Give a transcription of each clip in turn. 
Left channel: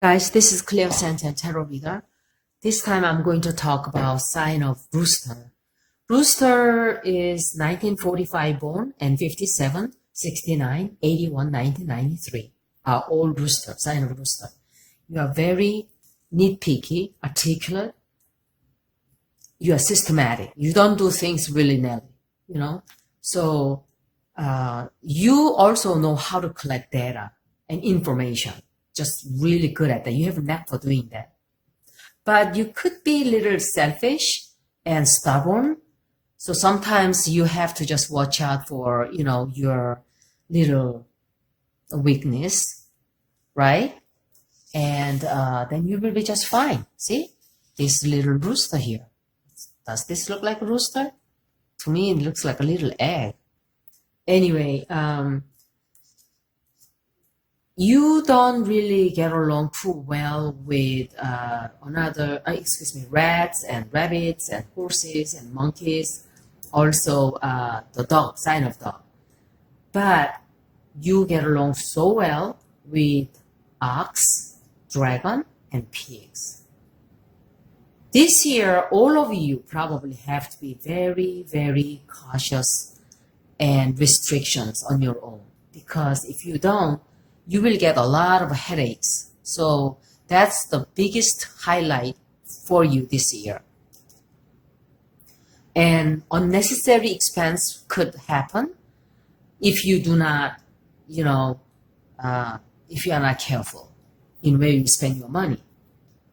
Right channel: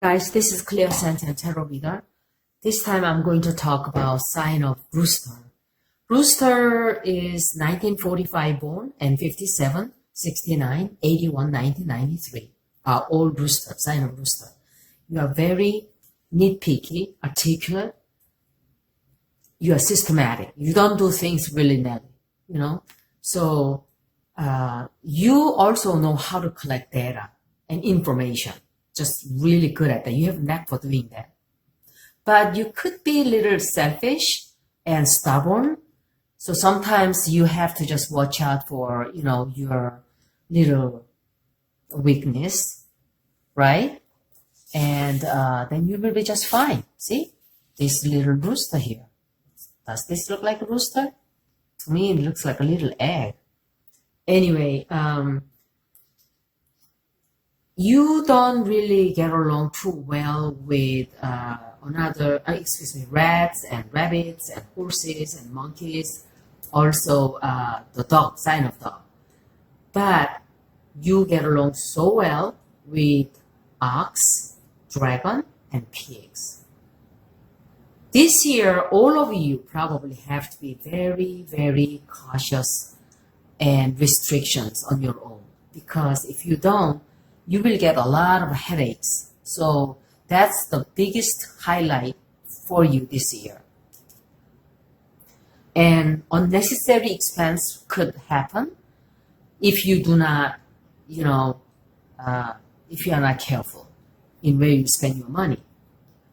Guys, this is Cleo Santan Tarot Reader. This time I'm going to talk about sign of Rooster. Rooster is 1945 born and 57, 69, 81, 1993. Are all Rooster, sign of Rooster. You are very nitpicky, articulate. You are systematic. You don't do things willy-nilly, you know. So you also know how to collect data and information. Just really good at that. You have a knack for doing that. But you could be a little selfish and stubborn. So sometimes you have to just watch out for, your little weakness, right? And then you will be just fine. See, this little rooster here. Does this look like a rooster? To me, it looks like a little egg. Anyway, you don't really get along too well with rats and rabbits and horses and monkeys. Also, the dog, sign of dog. But you get along so well with ox, dragon, and pigs. This year, all of you probably have to be very, very cautious and restrictions on your own. Because if you don't, you will get a lot of headaches. So that's the biggest highlight for you this year. And unnecessary expense could happen if you do not, if you are not careful in where you spend your money.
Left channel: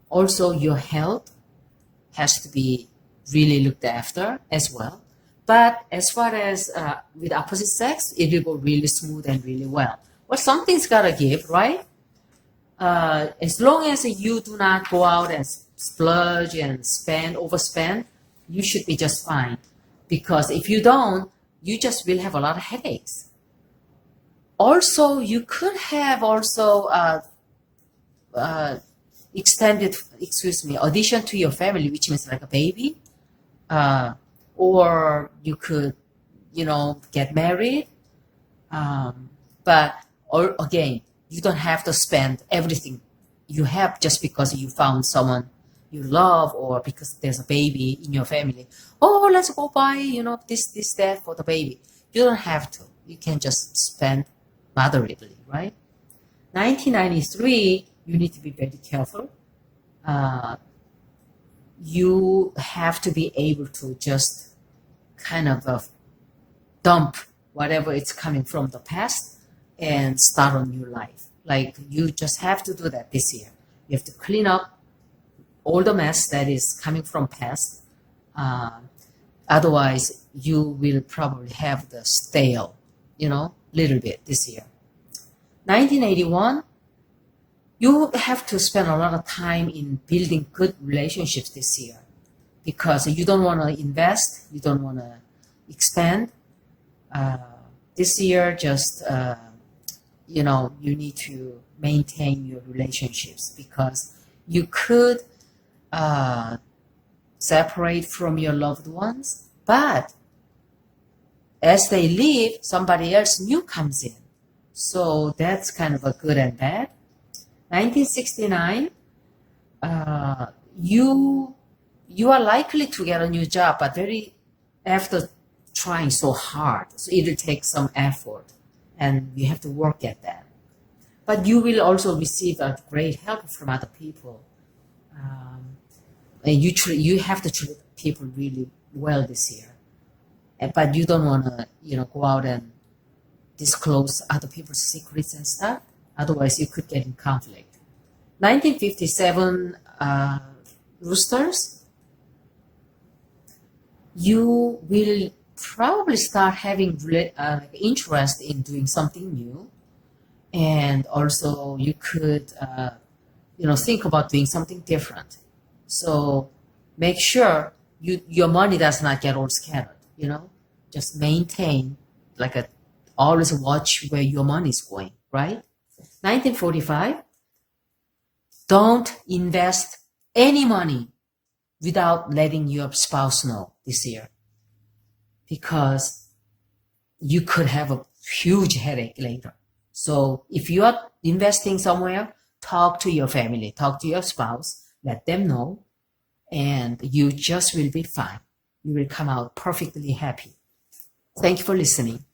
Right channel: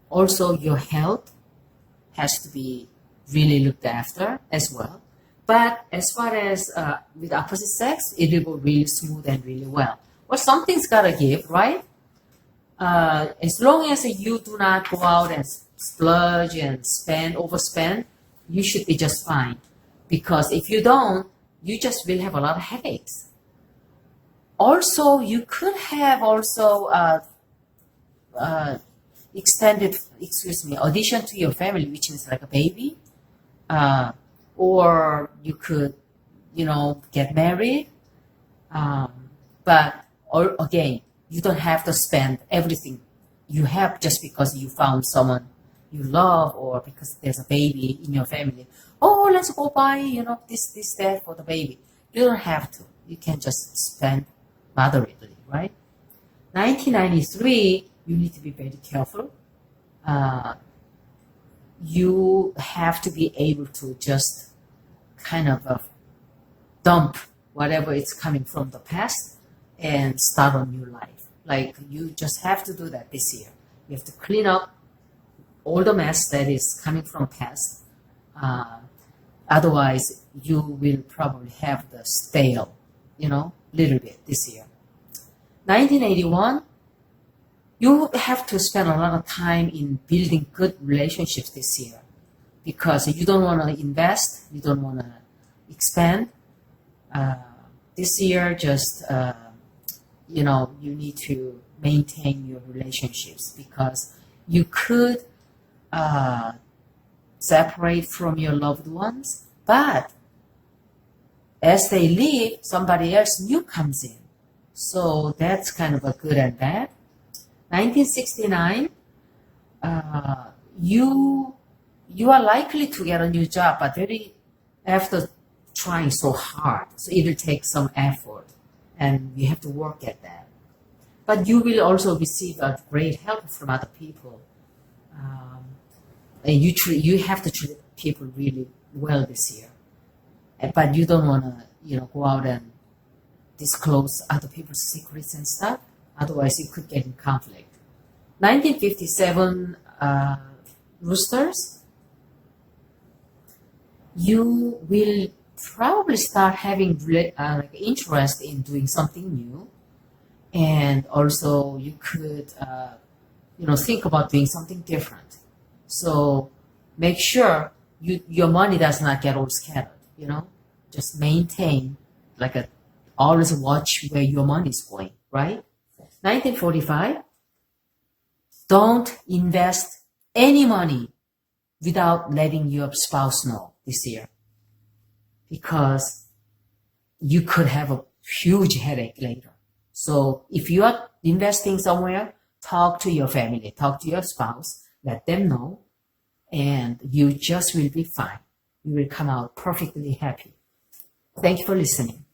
Also, your health has to be really looked after as well. But as far as with opposite sex, it will go really smooth and really well. Well, something's got to give, right? As long as you do not go out and splurge and overspend, you should be just fine. Because if you don't, you just will have a lot of headaches. Also, you could have addition to your family, which means like a baby. Or you could, get married. But again, you don't have to spend everything you have just because you found someone you love or because there's a baby in your family. Oh, let's go buy, this, that for the baby. You don't have to. You can just spend moderately, right? 1993, you need to be very careful. You have to be able to just kind of dump whatever is coming from the past and start a new life. Like you just have to do that this year. You have to clean up all the mess that is coming from past. Otherwise, you will probably have the stale, little bit this year. 1981, you have to spend a lot of time in building good relationships this year because you don't want to invest, you don't want to expand. This year, just you need to maintain your relationships because you could separate from your loved ones, but as they leave, somebody else new comes in. So that's kind of a good and bad. 1969, you are likely to get a new job, but after trying so hard. So it'll take some effort and you have to work at that. But you will also receive a great help from other people. And you have to treat people really well this year. But you don't want to, go out and disclose other people's secrets and stuff. Otherwise, you could get in conflict. 1957 roosters, you will probably start having interest in doing something new. And also you could, think about doing something different. So make sure your money does not get all scattered, just maintain always watch where your money is going, right? 1945, don't invest any money without letting your spouse know this year because you could have a huge headache later. So if you are investing somewhere, talk to your family, talk to your spouse, let them know, and you just will be fine. You will come out perfectly happy. Thank you for listening.